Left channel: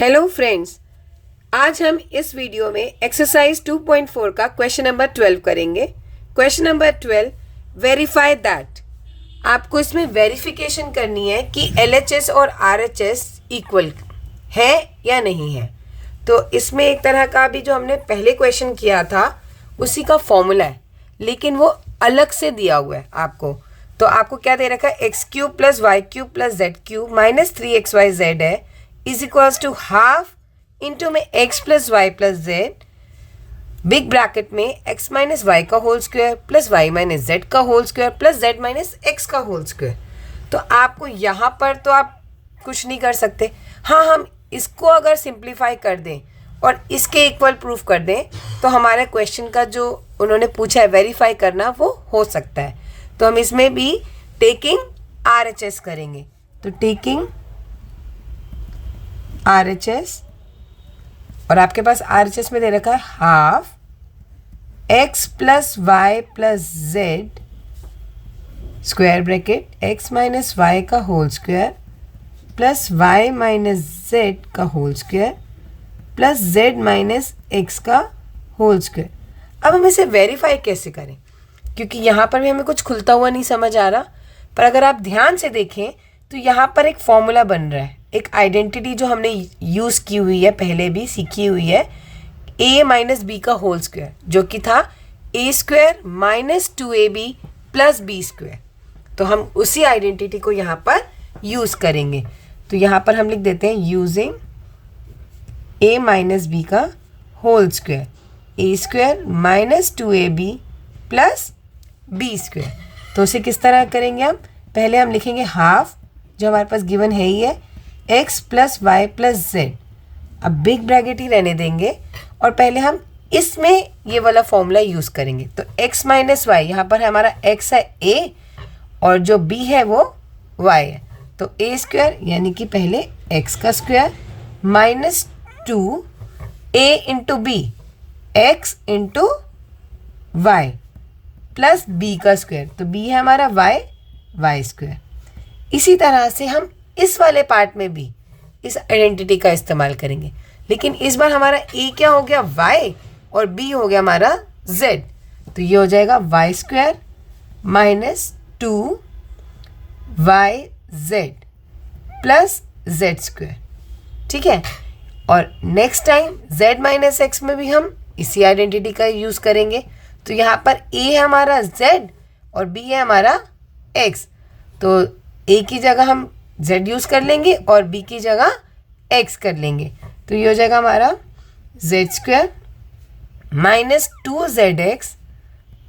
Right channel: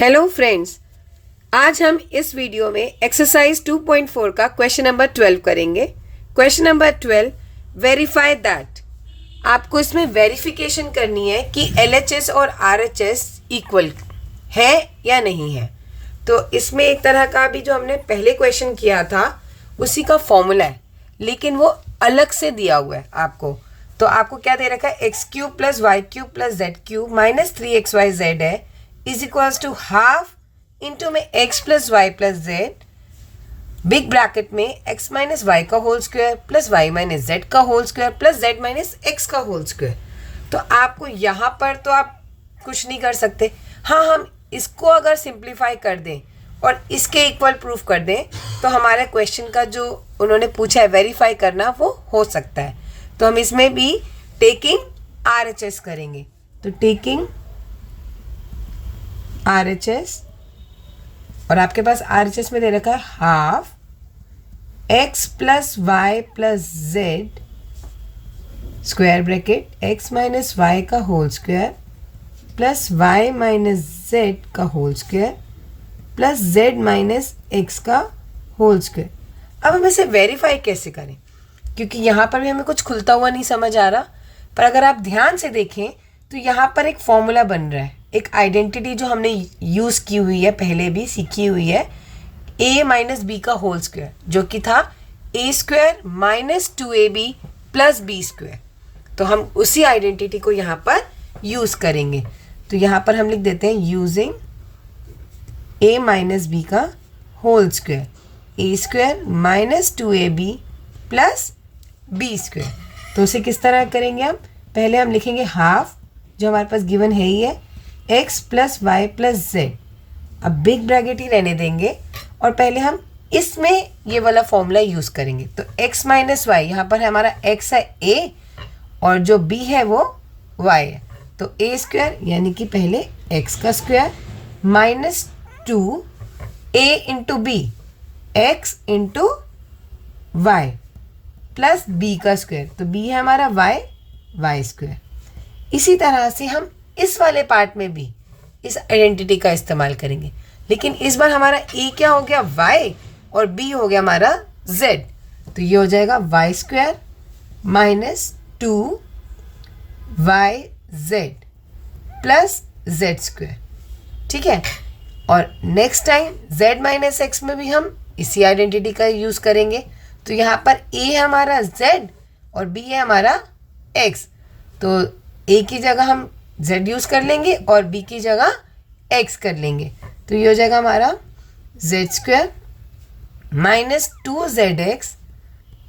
Hello friends, आज हम इस वीडियो में एक्सरसाइज 2.4 का क्वेश्चन नंबर 12 करेंगे। Question number 12, verify that. आपको इसमें वेरिफिकेशन करनी है कि LHS और RHS इक्वल है या नहीं है। तो इसमें एक तरह का भी जो हमने पहले क्वेश्चन किया था उसी का फॉर्मूला है, लेकिन वो अलग से दिया हुआ है आपको। तो आपको क्या दे रखा है, x³ + y³ + z³ - 3xyz है is equals to half into में x + y + z, big bracket में x - y का whole square plus y - z का whole square plus z - x का होल स्क्वायर। तो आपको यहाँ पर तो आप कुछ नहीं कर सकते। हाँ, हम इसको अगर सिंप्लीफाई कर दें और इसके इक्वल प्रूफ कर दें तो हमारे क्वेश्चन का जो उन्होंने पूछा है वेरीफाई करना वो हो सकता है। तो हम इसमें भी टेकिंग RHS करेंगे। तो टेकिंग RHS, और आपके पास RHS में दे रखा है half x + y + z square bracket x - y का whole square plus y - z का whole square plus z - x का होल स्क्वायर। अब हम इसे वेरीफाई कैसे करें, क्योंकि यहाँ पर भी हमें कुछ खुलता हुआ नहीं समझ आ रहा। पर अगर आप ध्यान से देखें तो यहाँ पर एक फॉर्मूला बन रहा है, एक आइडेंटिटी जो हमने यूज़ की हुई है, पहले भी सीखी हुई है, a - b का होल स्क्वायर, जो कि था a² - 2ab + b²। तो हम उसी आइडेंटिटी को यहाँ पर यूज़ करेंगे। तो यहाँ पर हम लिख देते हैं यूजिंग a - b का whole square, a² - 2ab + b²। तो उसे किस तरह करेंगे हम, पहले हम लिखेंगे हाफ, जो हमारे पास गिवन है ही है, x + y + z। अब बिग ब्रैकेट ही रहने देंगे और पहले हम इसमें ये वाला फॉर्मूला यूज़ करेंगे। तो x - y, यहाँ पर हमारा x है a और जो b है वो y है। तो a² यानी कि पहले x का square minus 2a × b, x × y plus b का स्क्वायर। तो b है हमारा y² इसी तरह से हम इस वाले पार्ट में भी इस आइडेंटिटी का इस्तेमाल करेंगे, लेकिन इस बार हमारा a क्या हो गया, y, और b हो गया हमारा z। तो ये हो जाएगा y² - 2yz प्लस z²। ठीक है। और नेक्स्ट टाइम z - x में भी हम इसी आइडेंटिटी का यूज़ करेंगे। तो यहाँ पर a है हमारा z और b है हमारा x। तो a की जगह हम z यूज़ कर लेंगे और b की जगह x कर लेंगे। तो ये हो जाएगा हमारा z² - 2zx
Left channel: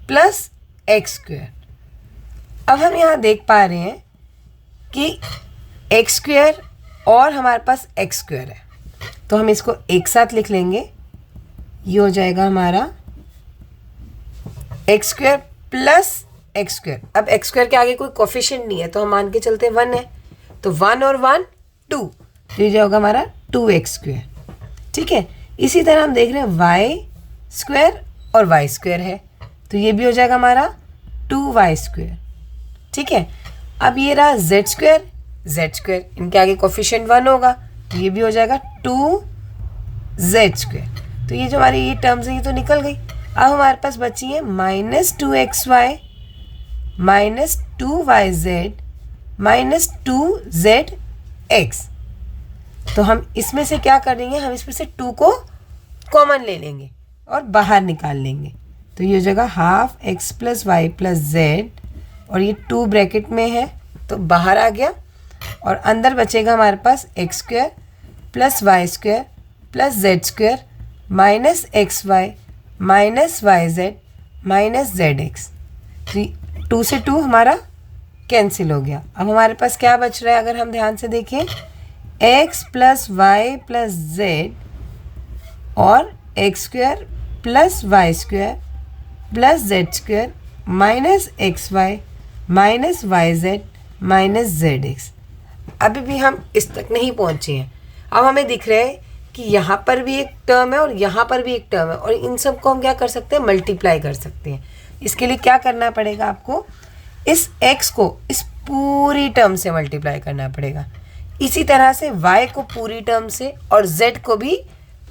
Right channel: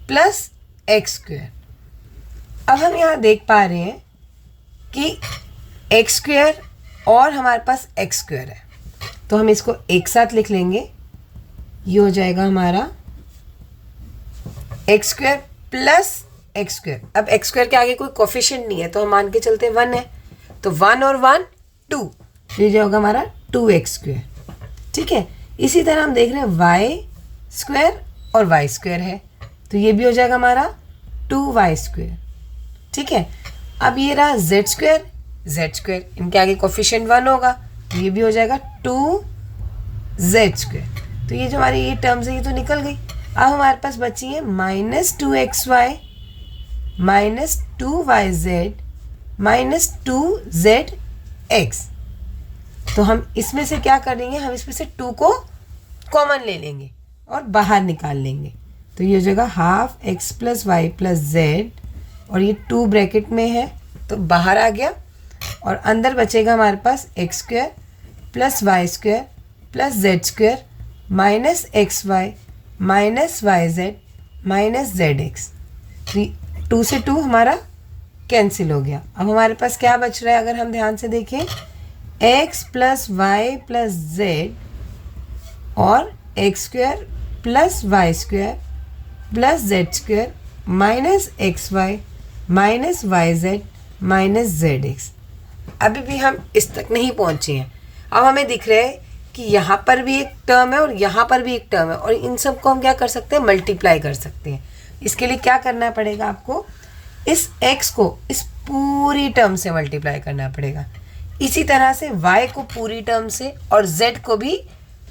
प्लस x²। अब हम यहाँ देख पा रहे हैं कि x² और हमारे पास x² है, तो हम इसको एक साथ लिख लेंगे। ये हो जाएगा हमारा x² प्लस x²। अब x² के आगे कोई कोफिशिएंट नहीं है तो हम मान के चलते 1 है, तो 1 और 1 2, ये जो होगा हमारा 2x²। ठीक है। इसी तरह हम देख रहे हैं y² और y² है, तो ये भी हो जाएगा हमारा 2y²। ठीक है। अब ये रहा z², इनके आगे कोफिशिएंट 1 होगा, तो ये भी हो जाएगा 2z²। तो ये जो हमारी ये टर्म्स है ये तो निकल गई। अब हमारे पास बची है -2xy - 2yz - 2zx। तो हम इसमें से क्या करेंगे, हम इसमें से 2 को कॉमन ले लेंगे और बाहर निकाल लेंगे। तो ये हो जाएगा हाफ x + y + z, और ये 2 ब्रैकेट में है तो बाहर आ गया, और अंदर बचेगा हमारे पास x² + y² + z² - xy - yz - zx। 2 से 2 हमारा कैंसिल हो गया। अब हमारे पास क्या बच रहा है, अगर हम ध्यान से देखें, x + y + z और x² + y² + z² - xy - yz - zx। अभी भी हम इस तक नहीं पहुंचे हैं। अब हमें दिख रहा है कि यहाँ पर भी एक टर्म है और यहाँ पर भी एक टर्म है, और इन सब को हम क्या कर सकते हैं, मल्टीप्लाई कर सकते हैं। इसके लिए क्या करना पड़ेगा आपको, इस x को इस पूरी टर्म से मल्टीप्लाई करना पड़ेगा। इसी तरह से y को पूरी टर्म से और z को भी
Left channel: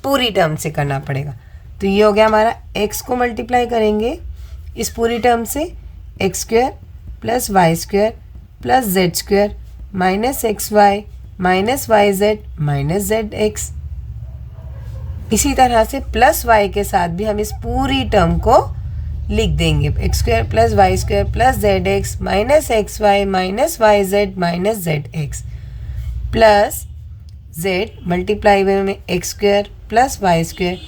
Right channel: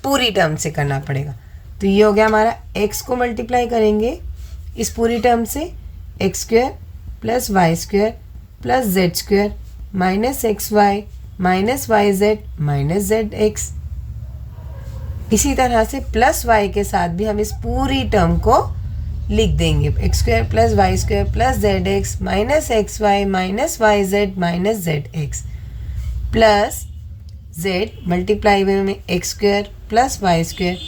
पूरी टर्म से करना पड़ेगा। तो ये हो गया हमारा, x को मल्टीप्लाई करेंगे इस पूरी टर्म से, x square plus y square plus z square minus x y minus y z minus z x. इसी तरह से प्लस वाई के साथ भी हम इस पूरी टर्म को लिख देंगे, x square plus y square plus z x minus x y minus y z minus z x plus z multiply में x square plus y square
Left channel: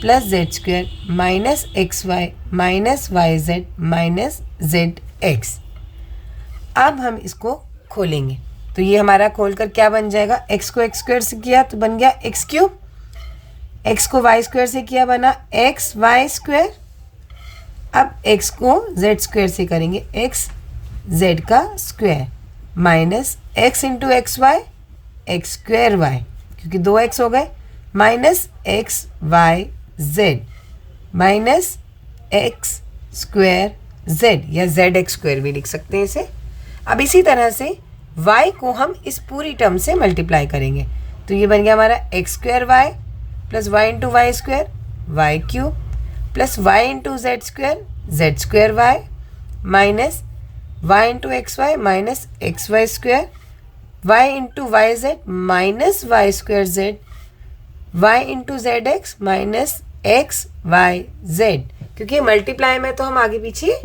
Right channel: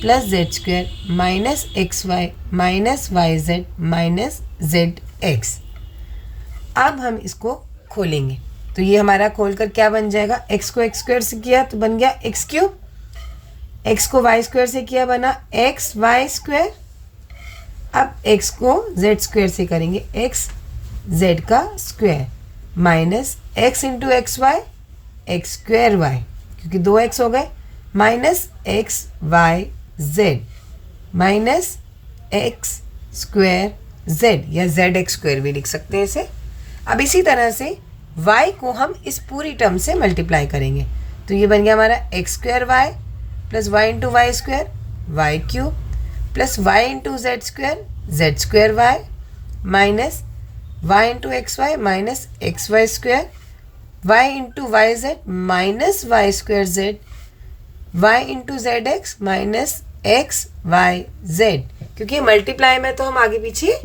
plus z square minus x y minus y z minus z x. अब हम इसको खोलेंगे तो ये हमारा खोलकर क्या बन जाएगा, एक्स को एक्स स्क्वायर से किया तो बन गया एक्स क्यूब, एक्स को वाई स्क्वायर से किया बना एक्स वाई स्क्वायर। अब एक्स को जेड स्क्वायर से करेंगे एक्स जेड का square minus x into x y x square y, क्योंकि दो एक्स हो गए, minus x y z minus x square z या जेड एक्स स्क्वायर भी लिख सकते हैं इसे। अब इसी तरह से y को हम इस पूरी टर्म से मल्टीप्लाई करेंगे तो ये बन गया हमारा x square y plus y into y square y cube plus y into z square y minus y into x y minus x y square y into y z minus y square z y into z x minus x y z, क्योंकि multiply में तो हम आगे पीछे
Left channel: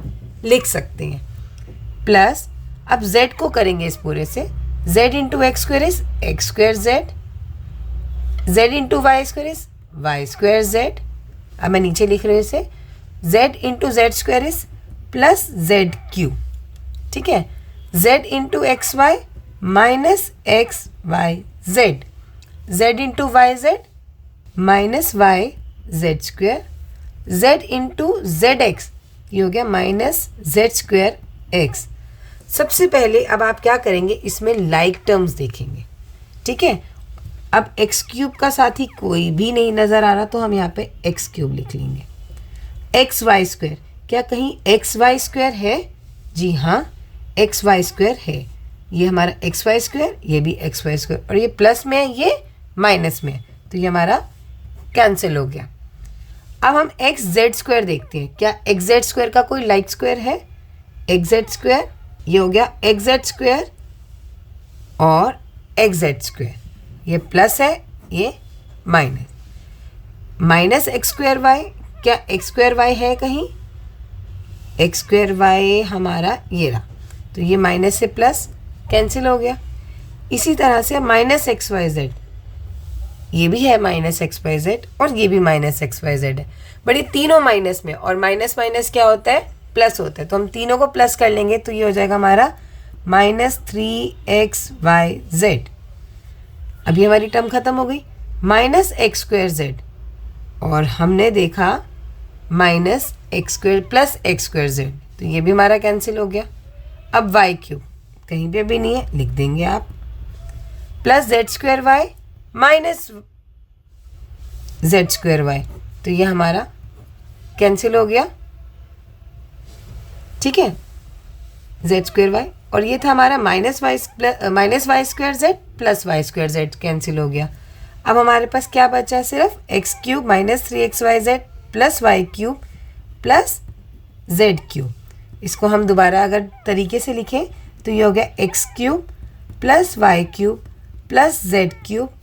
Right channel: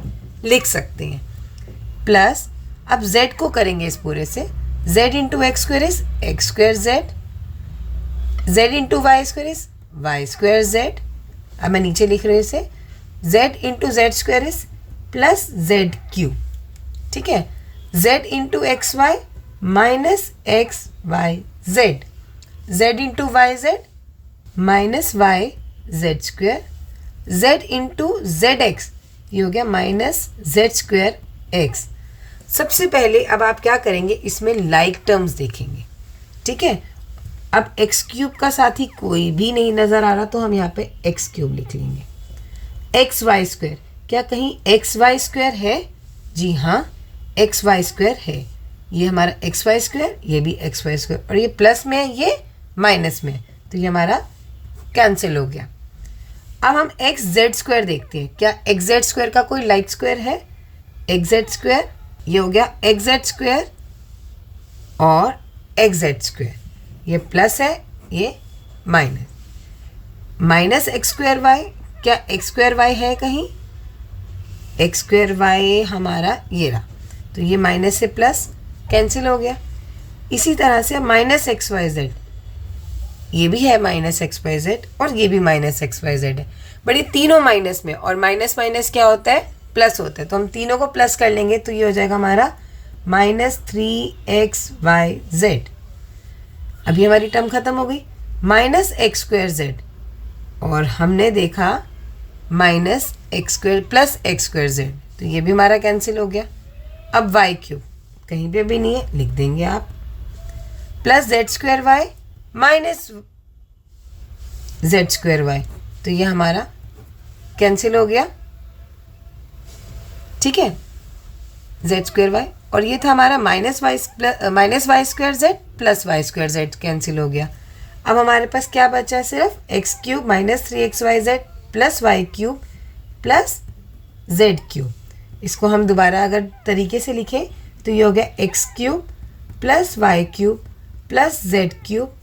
लिख सकते हैं। Plus अब z को करेंगे इस पूरे से, z into x square is x square z, z into y square is y square z. अब मैं नीचे लिख रही हूँ इसे, z into z square is plus z cube, ठीक है, z into x y minus x y z, z into y z minus y z square, z into z x, ये हो गया माइनस जेड स्क्वायर एक्स। सबसे पहले अब आप क्या करेंगे, इसमें लाइक टर्म्स देखेंगे, ठीक है। अब एक्स क्यूब का साथी कोई भी नहीं नज़र आ रहा तो हम यहाँ पे एक्स क्यूब लिख लेंगे। एक्स वाई स्क्वायर, क्या कहीं एक्स वाई स्क्वायर है? जी हाँ, एक्स वाई स्क्वायर है। ये हमारा एक्स वाई स्क्वायर, ये भी एक्स वाई स्क्वायर, और ये प्लस में है, ये माइनस में है, तो ये हमारा कैंसिल हो गया। अब हम एक्स जेड स्क्वायर देखते हैं, क्या एक्स जेड स्क्वायर का कोई लाइक स्क्वायर है? एक्स जेड स्क्वायर, ये हो गया एक्स जेड स्क्वायर और एक्स जेड स्क्वायर, ये प्लस है, ये minus, minus x square y, क्या एक्स स्क्वायर वाई है कहीं? एक्स स्क्वायर वाई हमारा ये रहा, तो ये माइनस से प्लस कैंसिल हो गया। इसी तरह से माइनस एक्स वाई जेड, ये भी है माइनस एक्स वाई जेड और ये भी माइनस एक्स वाई जेड है, बट ये तीनों माइनस में, और माइनस माइनस क्या होता है? प्लस होता है, तो हम तीनों को प्लस कर लेंगे तो ये हो जाएगा हमारा माइनस 3xy जेड। अभी हमारी टर्म खत्म हो गई, माइनस एक्स स्क्वायर जेड, और हमने देखा minus x square plus x square Z, तो ये भी हमारा कैंसिल हो गया। अब वाई क्यूब कहीं पे भी नहीं है, लिख देंगे आप, plus z square y minus z square y, तो ये हमारा कैंसिल हो गया, ठीक है, जेड स्क्वायर वाई, और ये था हमारा minus y square z plus y square z, cancel हो गया। अब हमारे पास क्या बचा है? सिर्फ x cube minus 3xy z plus y cube plus z cube. इसको हम दोबारा अगर तरीके से लिखें तो ये हो गया x cube plus y cube plus z cube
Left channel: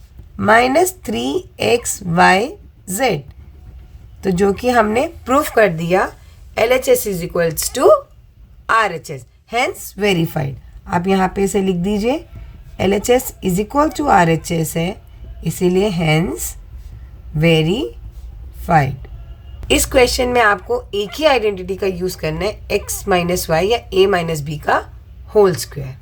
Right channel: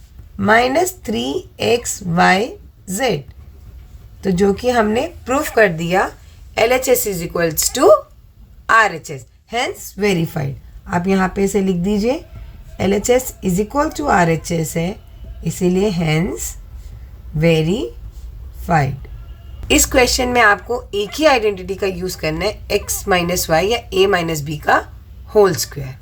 minus 3xy z, तो जो कि हमने प्रूफ कर दिया LHS is equals to RHS, hence verified. आप यहाँ पे इसे लिख दीजिए, LHS is equal to RHS है, इसीलिए हैंस वेरीफाइड। इस क्वेश्चन में आपको एक ही आइडेंटिटी का यूज़ करना है, x माइनस वाई या a माइनस बी का होल स्क्वायर।